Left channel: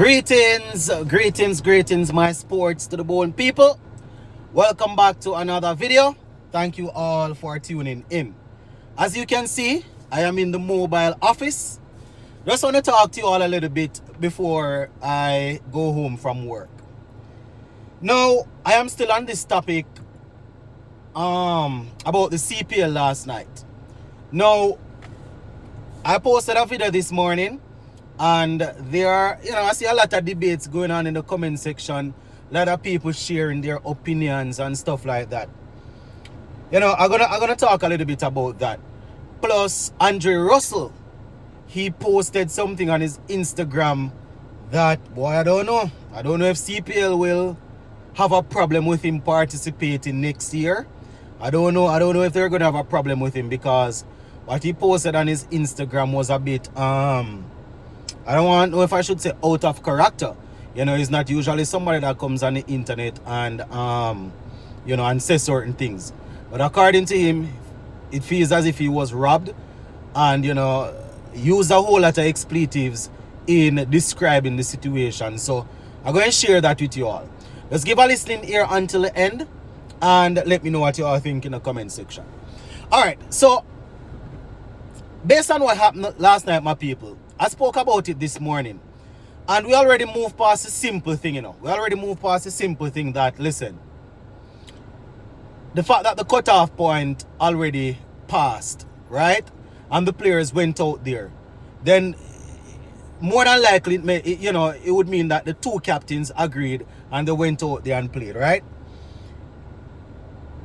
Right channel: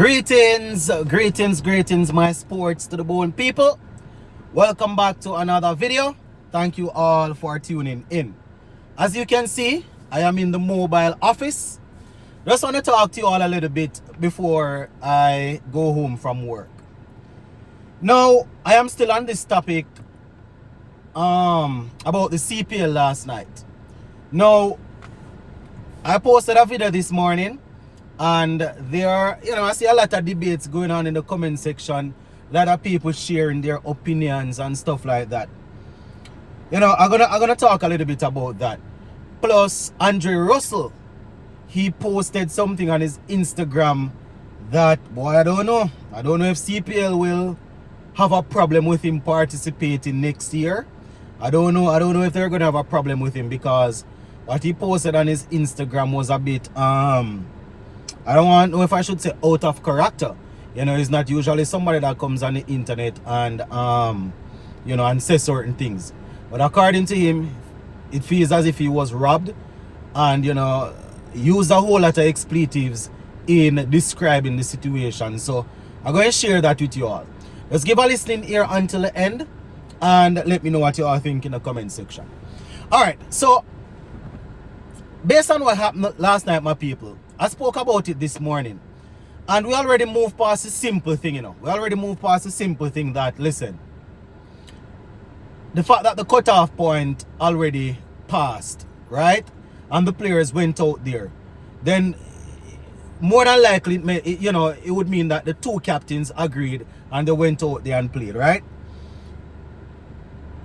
Greetings, my sports to the bone people. Welcome back to another video. Thank you all for tuning in. As you can see, I am in the mobile office. Just want to talk to you all a little bit before I go home from work. Now, I am still on this topic about the CPL last night. Now, I posted a video this morning. And there are, I see a lot of debates going on in the comment section. A lot of people sharing their opinions and stuff like that. I'm gonna talk a little bit about that. Plus, Andre Russell, he posted something on his Instagram that, boy, I don't know. I don't know if CPL will have a problem with him participating next year. I don't know if they're gonna have a problem with him, because what he posted on his Instagram was a bit I don't know if I should say out of character. He's not usually somebody that comes on the internet and and says certain things. But according to him, it feels as if he was robbed and used a whole lot of expletives in describing the situation. So I'm going to share that with you all. Let's give a listening ear until the end and let me know what you all think in the comment section. Alright, so based on what happened last night, my people, I spoke about it this morning. And we already moved past the simple thing, We already moved past the simple thing that, listen, the fact that the cutoff point already passed, right? And the players went out there. Then, more than likely, it would mean that the two captains agreed and they went out there and played, right?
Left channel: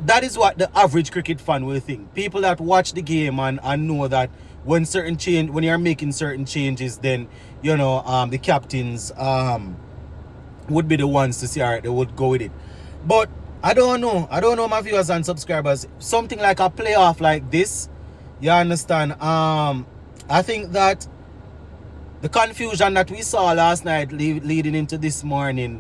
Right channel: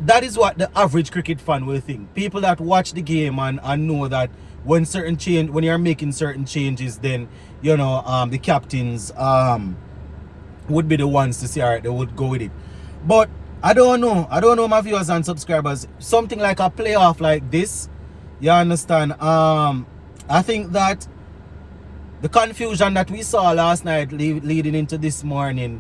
That is what the average cricket fan will think. People that watch the game and know that when you're making certain changes, then the captains would be the ones to say, all right, they would go with it. But I don't know, my viewers and subscribers. Something like a playoff like this, you understand? I think that the confusion that we saw last night leading into this morning,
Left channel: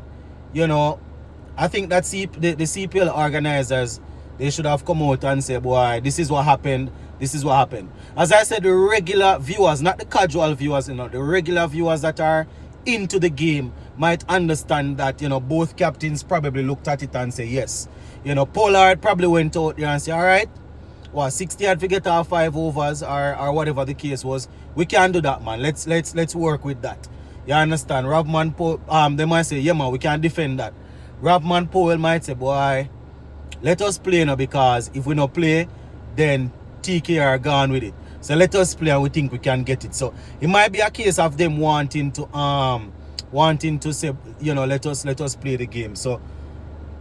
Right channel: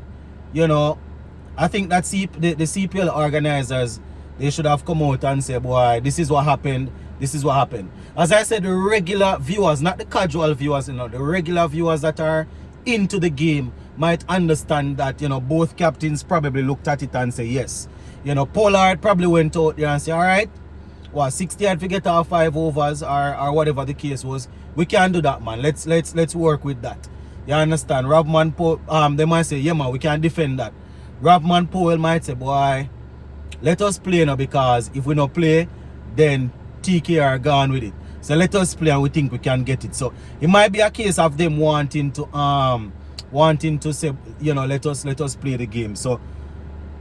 I think that the CPL organizers, they should have come out and say, boy, this is what happened. This is what happened. As I said, the regular viewers, not the casual viewers, the regular viewers that are into the game might understand that, both captains probably looked at it and say, yes. Pollard probably went out there and said, all right, 60 I'd forget our 5 overs or whatever the case was. We can do that, man. Let's work with that. You understand? They might say, yeah, man, we can defend that. Robman Powell might say, boy, let us play now, because if we don't play, then TK are gone with it. So let us play and we think we can get it. So it might be a case of them wanting to say, let us play the game. So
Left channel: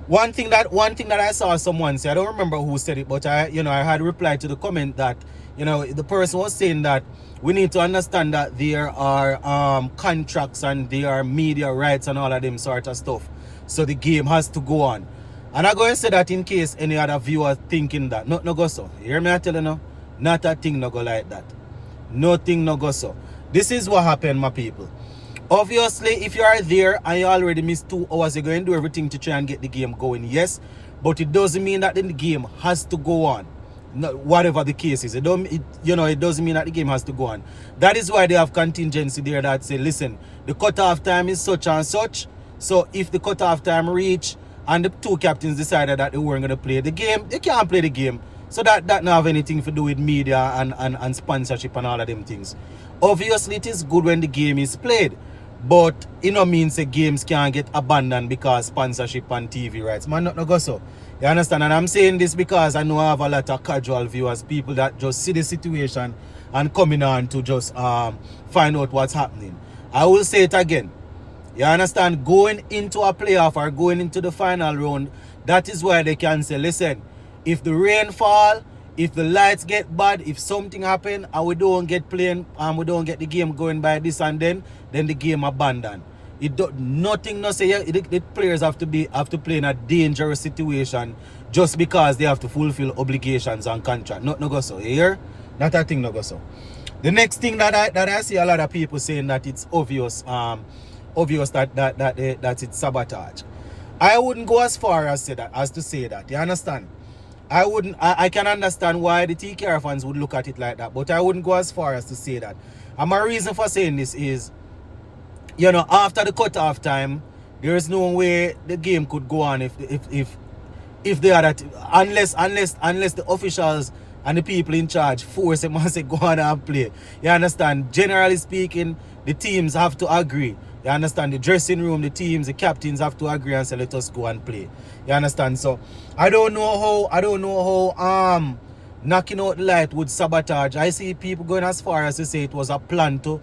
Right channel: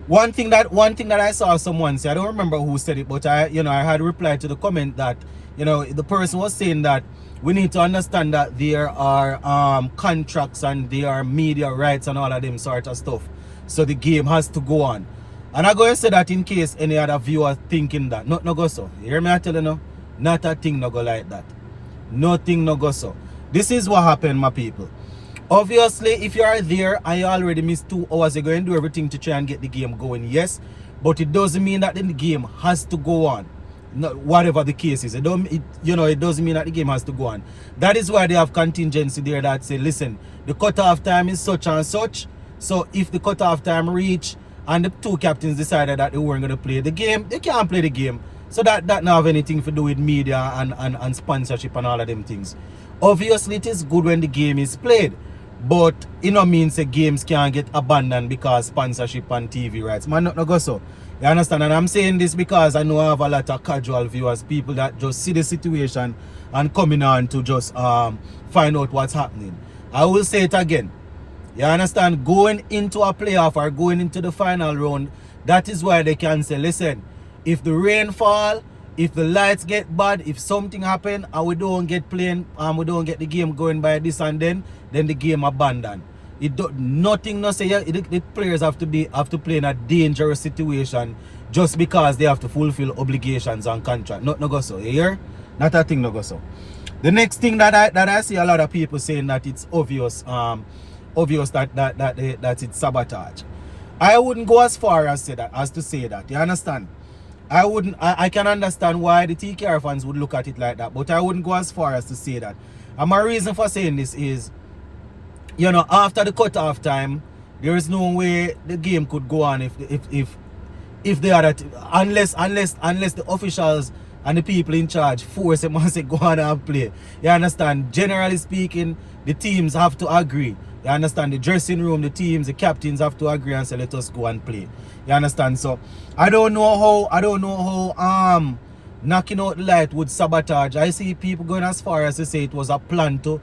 one thing that I saw someone say, I don't remember who said it, but I had replied to the comment that the person was saying that we need to understand that there are contracts and there are media rights and all of them sort of stuff. So the game has to go on. And I'm going to say that in case any other viewer thinking that. No go so. You hear me? I tell you now? Not a thing no go like that. Nothing no go so. This is what happened, my people. Obviously, if you are there and you already missed 2 hours, you're going to do everything to try and get the game going. Yes. But it doesn't mean that the game has to go on. No, whatever the case is. It doesn't mean that the game has to go on. That is why they have contingency there that say, listen, the cutoff time is such and such. So if the cutoff time reach and the 2 captains decided that they weren't going to play the game, they can't play the game. So that don't have anything to do with media and sponsorship and all of them things. Obviously, it is good when the game is played. But it means the games can't get abandoned because sponsorship and TV rights. Man, not go so. You understand? And I'm saying this because I know I have a lot of casual viewers, people that just see the situation and coming on to just find out what's happening. I will say it again. You understand? Going into a playoff or going into the final round, that is why they can say, listen, if the rain fall, if the lights get bad, if something happen and we don't get playing and we don't get the game going by this and then the game abandoned. Nothing no say the players have to play in a dangerous situation just because they have to fulfill obligations and contract. Not no go so. You hear? Not a thing no go so. The next thing that I see a lot of people saying that it's obvious that it's sabotage. I wouldn't go as far as to say that. You understand? I can understand why the TKR fans would look at it like that, but I wouldn't go as far as to say that. And my reason for saying this is, you know, after the cutoff time, there is no way the game could go on if they are that, unless the officials and the people in charge force them and say go on and play. You understand? Generally speaking, the teams have to agree. You understand? The dressing room, the teams, the captains have to agree and say let us go and play. You understand? So I don't know how knocking out the light would sabotage. I see people going as far as to say it was a plan to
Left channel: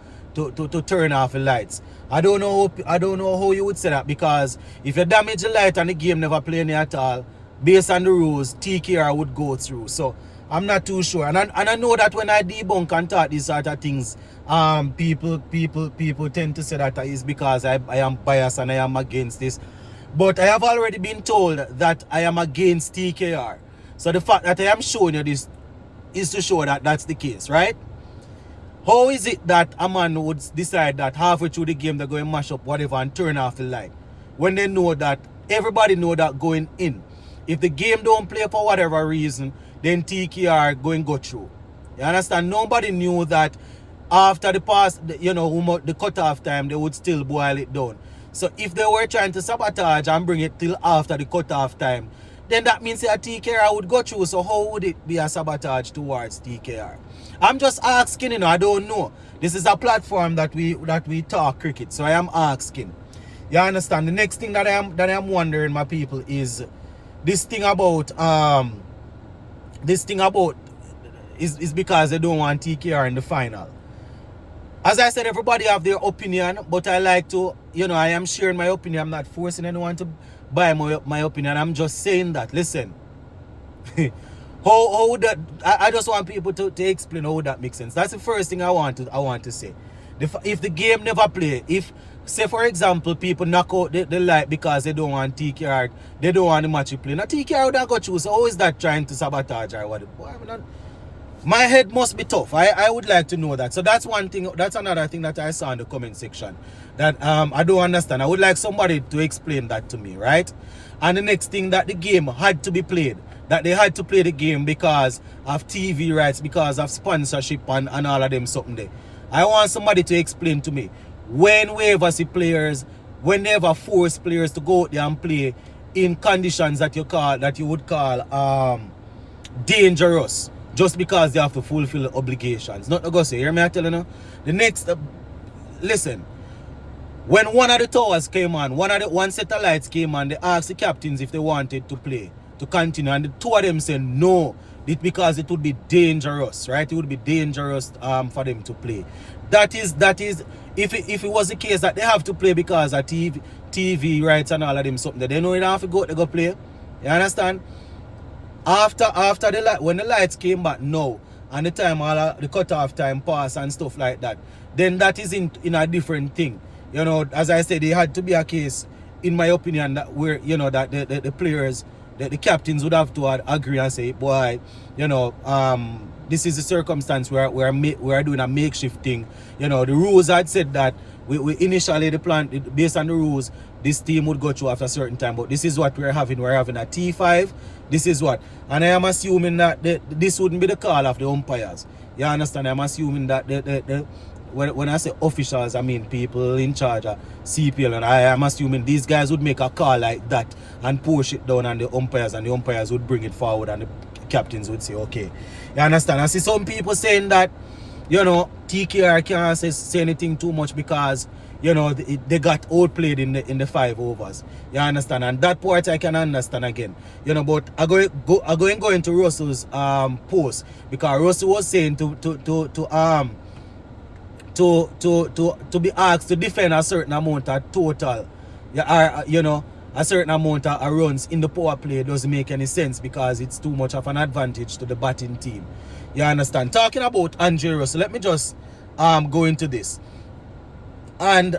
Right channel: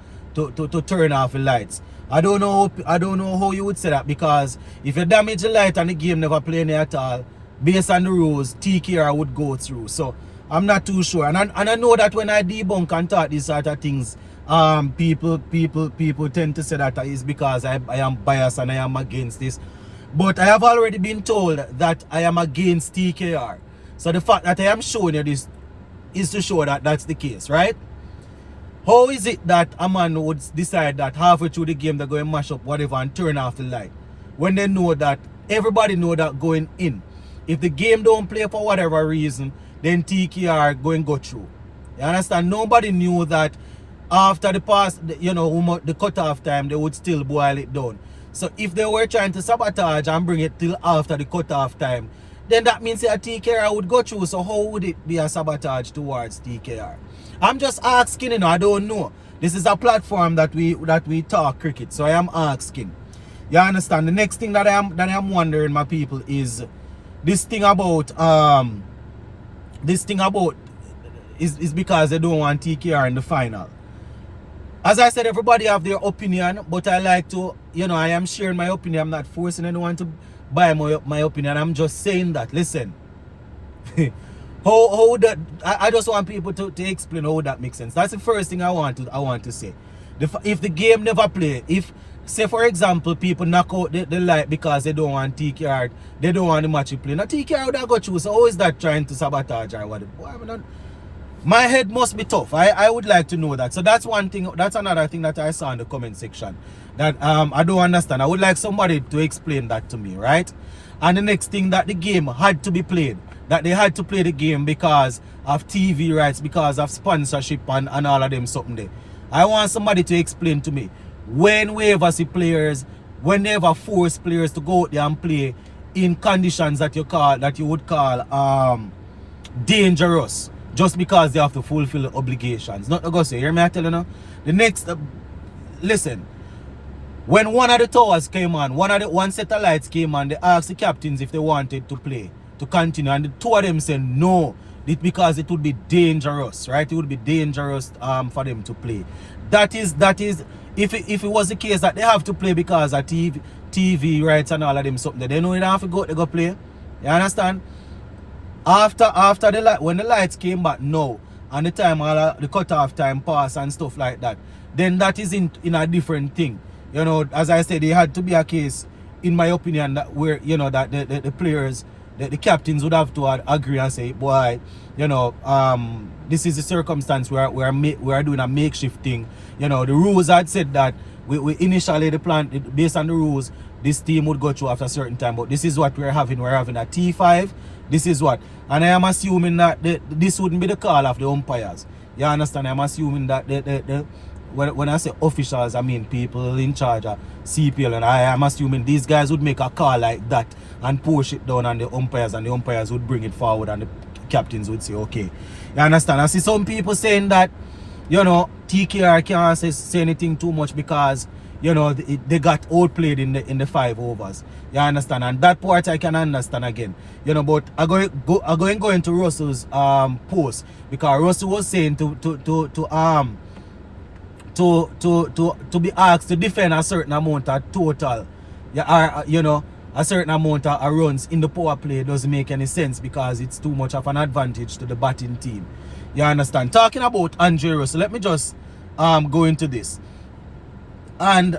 turn off the lights. I don't know how you would say that, because if you damage the light and the game never play any at all, based on the rules, TKR would go through. So I'm not too sure. And I know that when I debunk and talk these sort of things, people tend to say that it's because I am biased and I am against this. But I have already been told that I am against TKR. So the fact that I am showing you this is to show that that's the case, right? How is it that a man would decide that halfway through the game they're going to mash up whatever and turn off the light, when they know that everybody know that going in, if the game don't play for whatever reason, then TKR going to go through? You understand? Nobody knew that after the past, you know, the cutoff time, they would still boil it down. So if they were trying to sabotage and bring it till after the cutoff time, then that means that TKR would go through. So how would it be a sabotage towards TKR? I'm just asking, you know, I don't know. This is a platform that we talk cricket, so I am asking. You understand? The next thing that I am wondering, my people, is this thing about is because they don't want TKR in the final. As I said, everybody have their opinion, but I like to, you know, I am sharing my opinion. I'm not forcing anyone to buy my opinion. I'm just saying that, listen, how that, I just want people to explain how that makes sense. That's the first thing I want to say. If the game never play, if, say for example, people knock out the light because they don't want TKR, they don't want the match to play. Now TKR would have got you, so how is that trying to sabotage or what? My head must be tough. I would like to know that. So that's one thing. That's another thing that I saw in the comment section that I don't understand. I would like somebody to explain that to me, right? And the next thing, that the game had to be played. That they had to play the game because of TV rights, because of sponsorship and all of them something there. I want somebody to explain to me when we ever see players, when they ever force players to go out there and play in conditions that you would call dangerous, just because they have to fulfill obligations. Not to go say, hear me I tell you now? The next, listen, when one of the towers came on, one set of lights came on, they asked the captains if they wanted to play, to continue, and the two of them said no, because it would be dangerous, right? It would be dangerous for them to play. That is, if it was the case that they have to play because of TV rights and all of them something, they know they don't have to go play. You understand? After when the lights came back now, and the time the cutoff time passed and stuff like that, then that is in a different thing. You know, as I said, there had to be a case, in my opinion, that where, you know, that the players, the captains would have to agree and say, boy, you know, this is the circumstance where we're doing a makeshift thing. You know, the rules had said that we initially, the plan, based on the rules, this team would go through after a certain time, but this is what we're having. We're having a T5. This is what, and I am assuming that this wouldn't be the call of the umpires. You understand? I'm assuming that when I say officials, I mean people in charge of CPL, and I am assuming these guys would make a call like that and push it down on the umpires, and the umpires would bring it forward, and the captains would say, okay. You understand? I see some people saying that, you know, TKR can't say anything too much because, you know, they got outplayed in the 5 overs. You understand? And that part I can understand again. You know, but I go into Russell's post, because Russell was saying to be asked to defend a certain amount of total, you know, a certain amount of runs in the power play doesn't make any sense because it's too much of an advantage to the batting team. You understand? Talking about Andre Russell, let me just go into this. And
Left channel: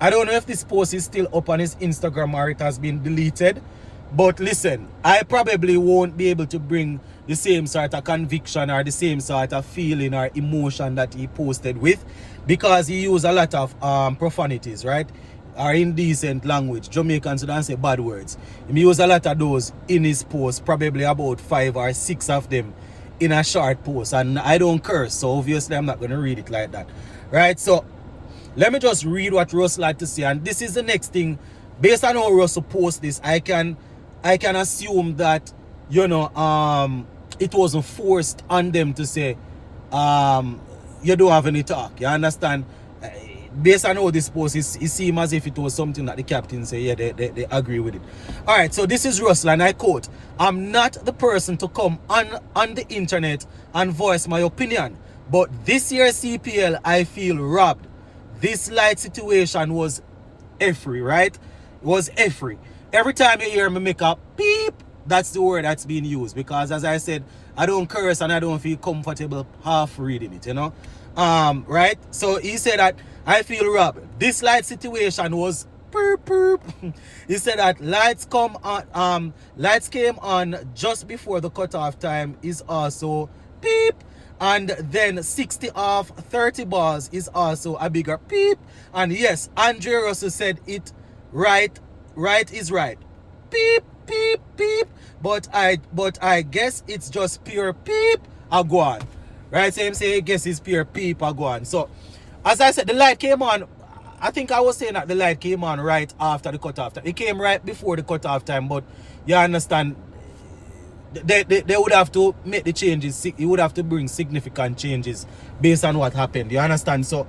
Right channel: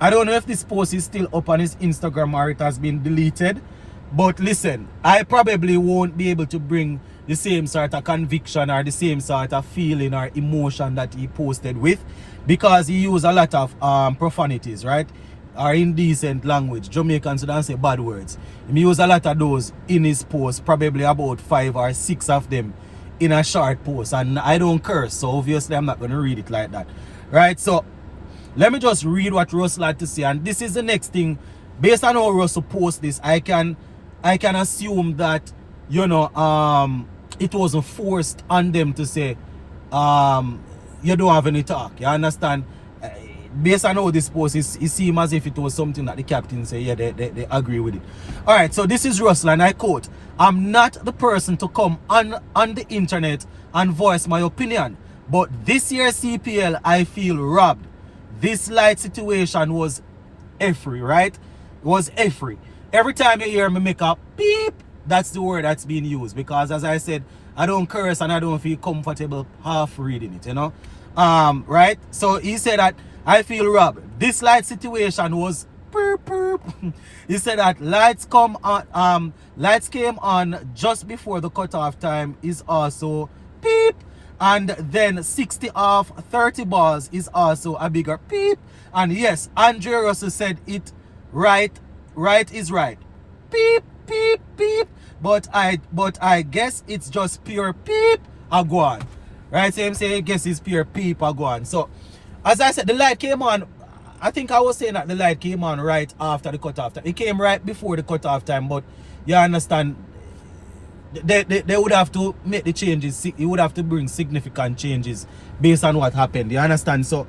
I don't know if this post is still up on his Instagram or it has been deleted. But listen, I probably won't be able to bring the same sort of conviction or the same sort of feeling or emotion that he posted with, because he used a lot of profanities, right? Or indecent language. Jamaicans don't say bad words. He used a lot of those in his post, probably about 5 or 6 of them in a short post. And I don't curse, so obviously I'm not going to read it like that. Right? So let me just read what Russell had to say. And this is the next thing. Based on how Russell post this, I can assume that, you know, it wasn't forced on them to say, you don't have any talk. You understand? Based on how this post is, it seems as if it was something that the captain said, yeah, they agree with it. All right, so this is Russell, and I quote, "I'm not the person to come on the internet and voice my opinion, but this year's CPL, I feel robbed. This light situation was effry," right? Was effry. Every time you hear me make a beep, that's the word that's being used, because as I said, I don't curse and I don't feel comfortable half reading it, you know. Right? So he said that I feel robbed. This light situation was perp, perp. He said that lights came on just before the cutoff time is also beep. And then 60 off 30 balls is also a bigger beep. And yes, Andre Russell said it right is right. Beep, beep, beep. But I guess it's just pure beep a go on. Right? So him say I guess it's pure beep a go on. So as I said, the light came on. I think I was saying that the light came on right after the cutoff time. It came right before the cutoff time, but you understand, they would have to make the changes. You would have to bring significant changes based on what happened. You understand? So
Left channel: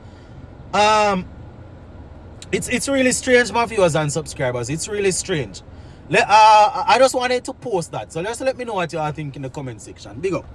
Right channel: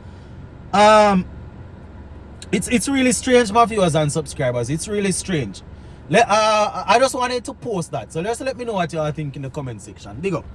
it's really strange, my viewers and subscribers. It's really strange. I just wanted to post that. So just let me know what you are thinking in the comment section. Big up.